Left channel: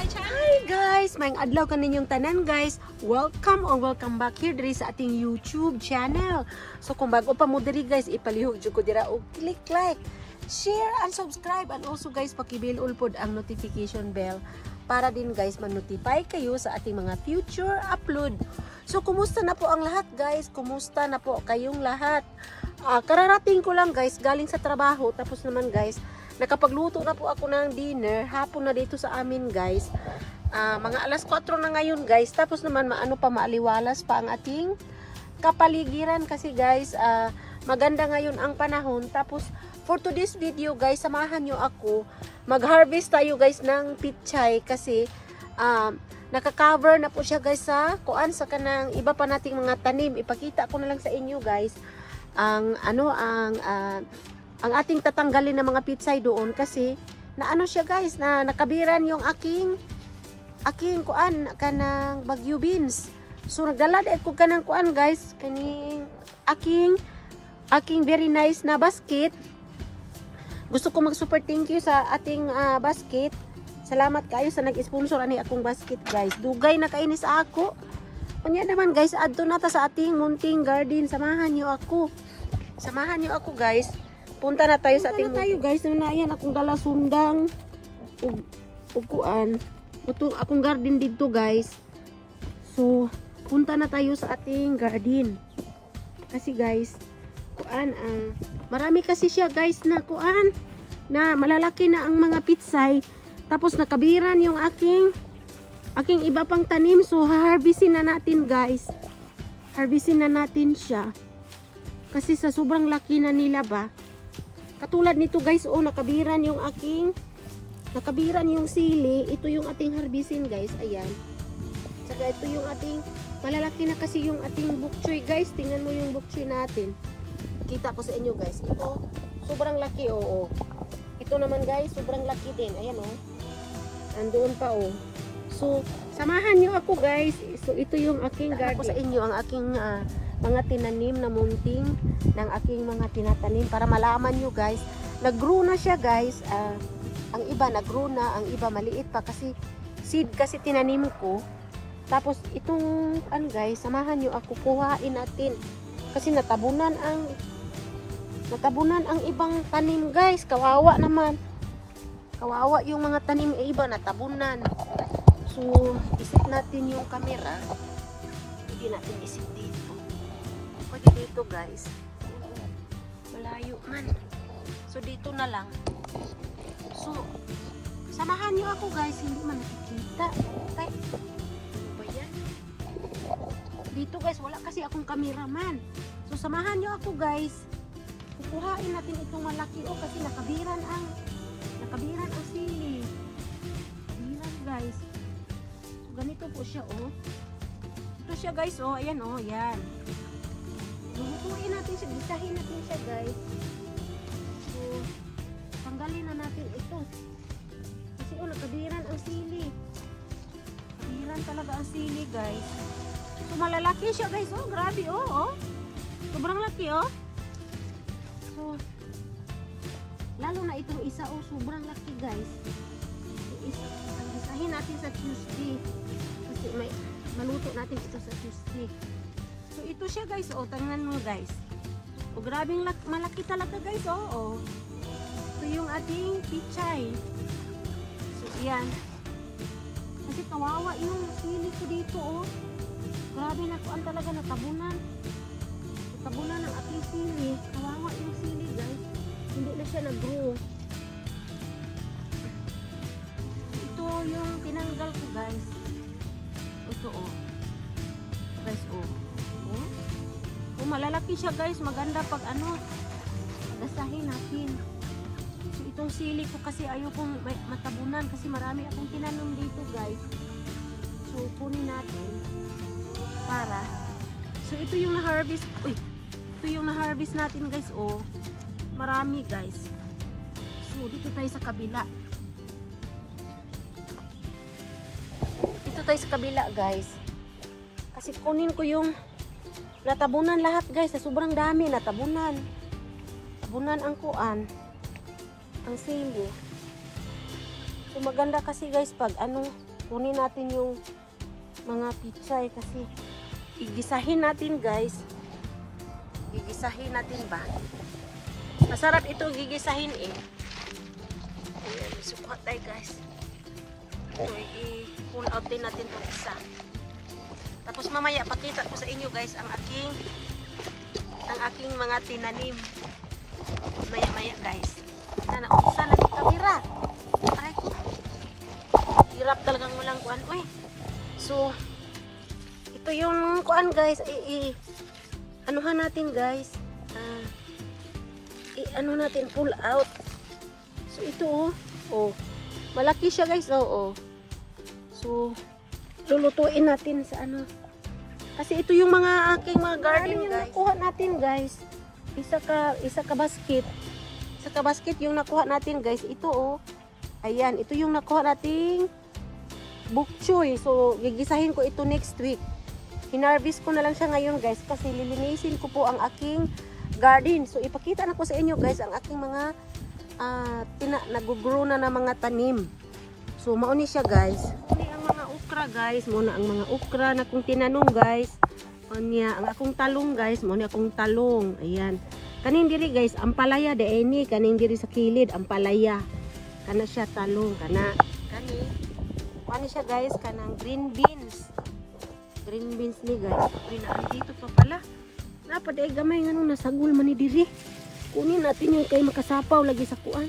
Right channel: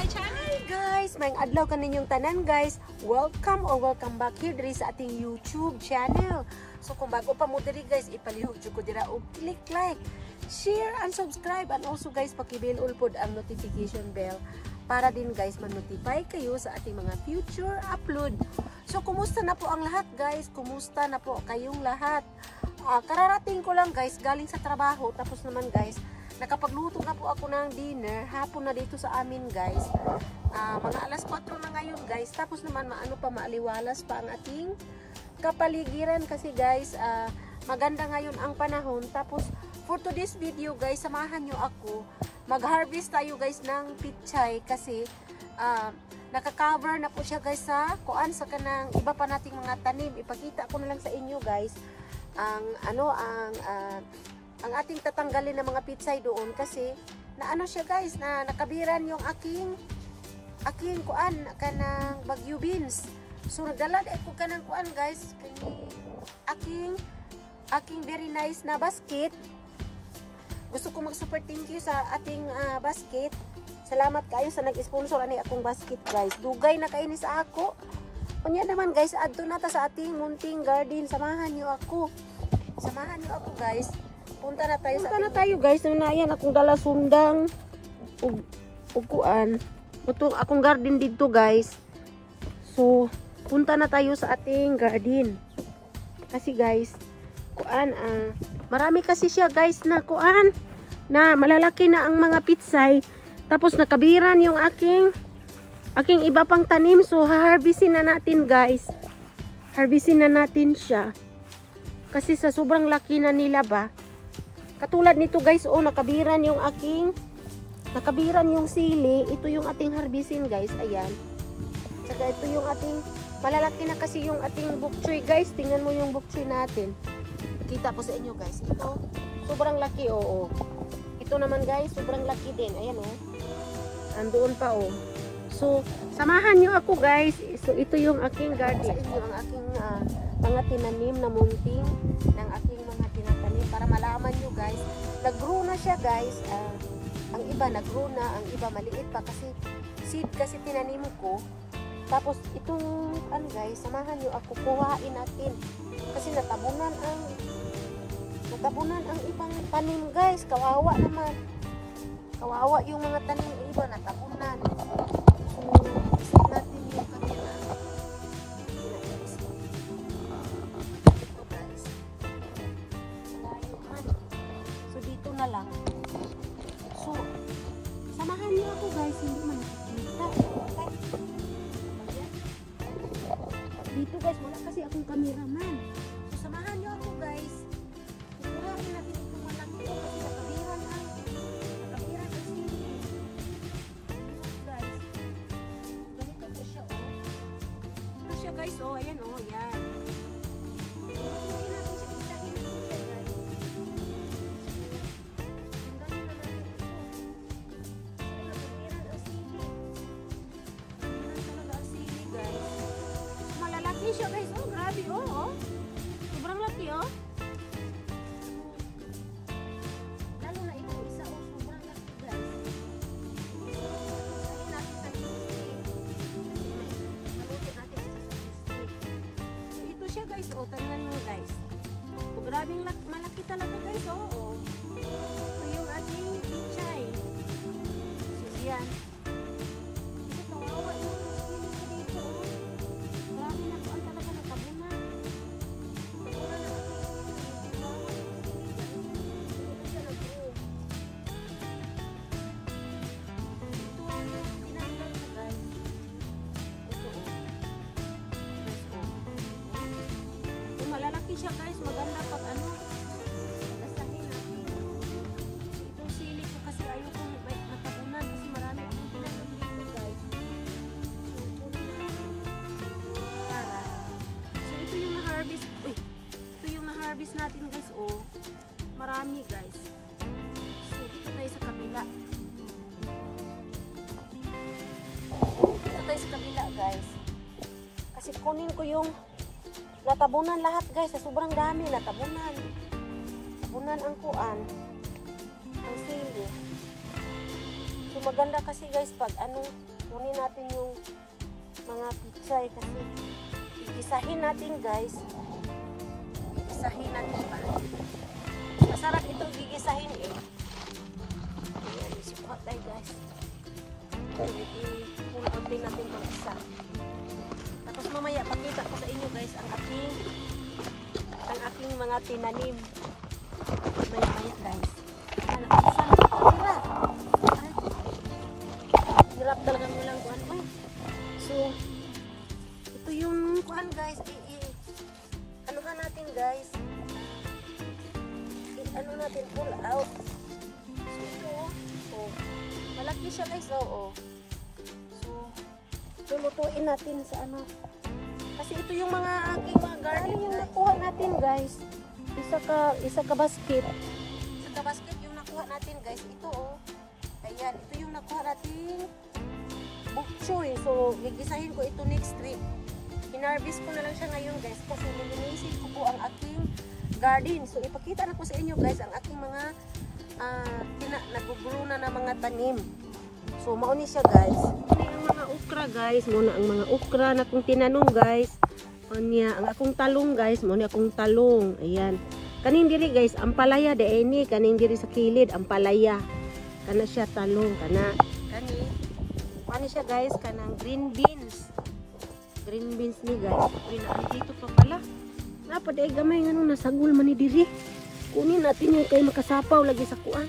my channel. Hi guys, maayong adlaw kaninyong tanan guys. Welcome or welcome back here diri sa ating YouTube channel. So kung bago pa mo diri guys, ipalihog jud ko dira og click like, share and subscribe, and also guys paki-bell pod ang notification bell para din guys ma-notify kayo sa ating mga future upload. So kumusta na po ang lahat guys? Kumusta na po kayong lahat? Kararating ko lang guys galing sa trabaho, tapos naman guys nakapagluto na po ako ng dinner. Hapon na dito sa amin guys. Mga alas 4 na ngayon guys. Tapos naman maaliwalas pa ang ating kapaligiran kasi guys maganda ngayon ang panahon. Tapos for today's video guys, samahan nyo ako. Mag-harvest tayo guys ng pichay kasi naka-cover na po siya guys sa kuan sa kanang iba pa nating mga tanim. Ipakita ko na lang sa inyo guys ang ating tatanggalin ng mga pitsay doon kasi na ano siya guys, na nakabiran yung aking kuan kanang bagyo beans. So nagdala din ko kanang kuan guys, kaning aking very nice na basket. Gusto ko mag-super thank you sa ating basket. Salamat kayo sa nag-sponsor ani akong basket guys. Dugay na kainis ako. Kunya naman guys, adto na ta sa ating munting garden. Samahan niyo ako. Samahan niyo ako guys. Punta na tayo sa ating guys. Na yan akong dala sundang ug kuan. Ito akong garden dito guys. So punta na tayo sa ating garden. Kasi guys, kuan marami kasi siya guys na kuan na malalaki na ang mga pitsay. Tapos nakabiran yung aking iba pang tanim. So harvestin na natin guys. Harvestin na natin siya. Kasi sa sobrang laki na nila ba. Katulad nito guys, nakabiran yung sili. Ito yung ating harvestin guys, ayan. Saka ito yung ating, malalaki na kasi yung ating bok choy guys. Tingnan mo yung bok choy natin. Kita ko sa inyo guys. Ito, sobrang laki Ito naman guys, sobrang laki din. Ayan Andoon pa So, samahan nyo ako guys. So, ito yung aking garden. Sa inyo ang aking mga tinanim na munting ng aking mga tinatanim para malaman nyo guys. Nag-grow na siya guys. Ang iba nag-grow na, ang iba maliit pa kasi seed kasi tinanim ko. Tapos itong guys, samahan nyo ako, kuhain natin. Kasi natabunan ang ibang tanim guys. Kawawa naman. Kawawa yung mga tanim iba natabunan. So, isip natin yung camera. Hindi natin isip dito. Pwede dito guys. Malayo man. So, dito na lang. So, samahan niyo ako guys. Hindi man nakikita. Dito guys, wala kasi akong cameraman. So, samahan niyo ako guys. Kukuhain natin itong malaki kasi nakabiran ang sili. Guys. Ganito po siya Ito siya guys ayan yan. Kukuhain natin siya, bisahin natin siya guys. So, tanggalin na natin ito. So, nakabiran ang sili. Nakabiran talaga ang sili guys. So, malalaki siya guys grabe sobrang laki So, lalo na itong isa sobrang laki guys. Isahin natin sa cheese. Kasi maluto natin ito sa cheese. So ito siya guys tingnan mo guys. Grabing malaki talaga guys Ito yung ating pichay. So yan. Kasi kawawa yung sili ko dito Grabe na kuan talaga natabunan. Natabunan ang ating sili. Kawawa yung sili guys. Hindi na siya nag-grow. Ito yung tinanggal ko guys. Ito guys malalaki siya guys. Maganda pag nasahin natin. So, itong sili ko kasi ayokong matabunan kasi marami akong tinanom dito guys. So kunin natin para. So ito yung na-harvest. Ito yung na-harvest natin guys marami guys. So dito tayo sa kabila. Dito tayo sa kabila guys. Kasi kunin ko yung natabunan lahat guys. Sobrang dami natabunan. Tabunan ang kuan. Ang sili. So So maganda kasi guys pag ano, kunin natin yung mga pitsay kasi gigisahin natin guys. Gigisahin natin ba? Masarap ito gigisahin eh. Sukat tayo guys. So i-pull out din natin ito isa. Tapos mamaya pakita ko sa inyo guys ang aking mga tinanim. Maya-maya guys. Yan ako isa lang kamera. Aray ko. Hirap talagang walang kuan. Uy. So ito yung kuan guys. Anuhan natin guys. Ano natin pull out. So ito oh. Malaki siya guys oh. So lulutuin natin sa ano. Kasi ito yung mga aking mga garden yung nakuha natin guys. Isa ka basket. Isa ka basket yung nakuha natin guys. Ito oh. Ayan, ito yung nakuha nating bok choy. So gigisahin ko ito next week. Hinarvest ko na lang siya ngayon guys kasi lilinisin ko po ang aking garden. So ipakita na ko sa inyo guys ang aking mga nag-grow na mga tanim. So mauni siya guys. Ini ang mga okra guys, muna ang mga okra na kong tinanong guys. Anya ang akong talong guys, muna akong talong. Ayan. Kaning diri guys, ang palaya de ini kaning diri sa kilid, ang palaya. Kana siya talong, kani siya guys, kanang green beans. Green beans ni guys. Dito pa pala. Napaday gamay nga nung nasagol man ni diri. Kunin natin yung kay makasapaw lagi sa kuan.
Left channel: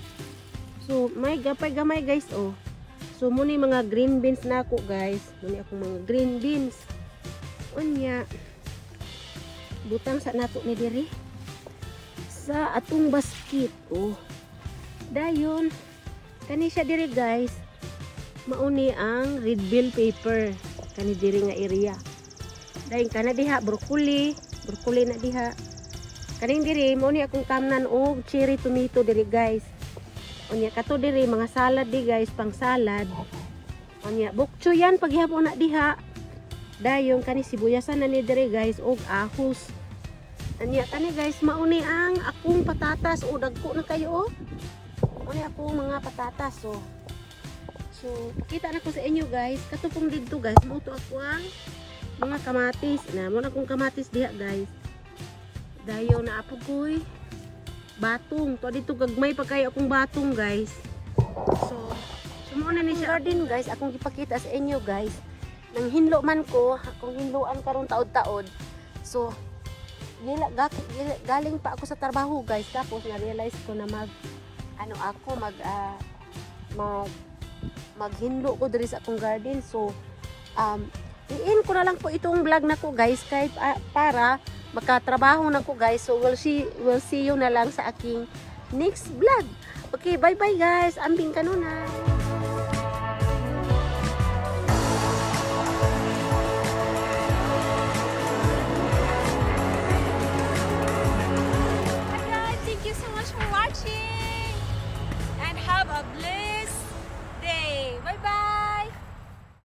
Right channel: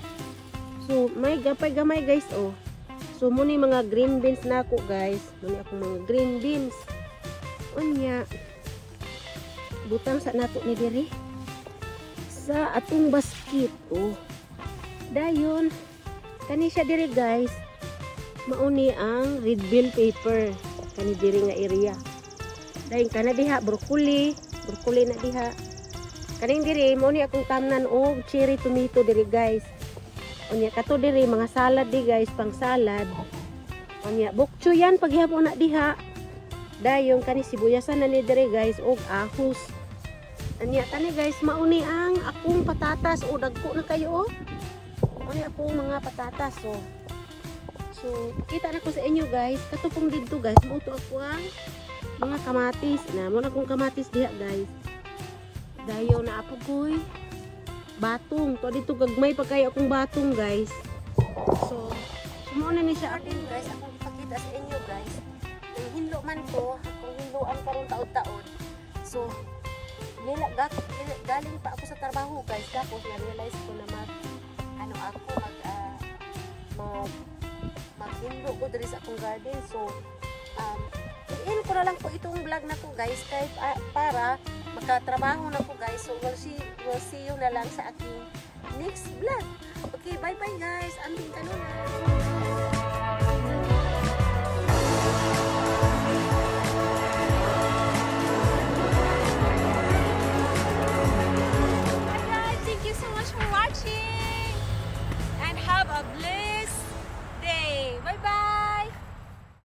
So may gamay guys oh. So muna mga green beans na ako guys. Muna akong mga green beans. Unya. Butang sa nato ni diri. Sa atong basket oh. Dayon. Kani siya diri guys. Mauni ang red bell pepper. Kani diri nga area. Dayon kana diha broccoli na diha. Kaning diri mo ni akong tamnan og cherry tomato diri guys. Unya kato diri mga salad di guys, pang salad. Unya bok choy yan paghihapon na diha. Dayon kani sibuyasan na ni diri guys og ahos. Unya kani guys mauni ang akong patatas o dagko na kayo oh. Unya akong mga patatas oh. So kita na ko sa inyo guys, kato pong didto guys, buto ako ang mga kamatis. Na mo na akong kamatis diha guys. Dayo na apogoy batong to dito gagmay pa kayo akong batong guys. So sumuna ni siya garden guys, akong ipakita sa inyo guys. Nang hinlo man ko, akong hinloan karon taod-taod. So galing pa ako sa trabaho guys, tapos na-realize ko na maghinlo ko diri sa akong garden. So i-end ko na lang po itong vlog na ko guys kahit para makatrabaho na ko guys. So we'll see you na lang sa aking next vlog. Okay, bye bye guys. Ambing kanuna.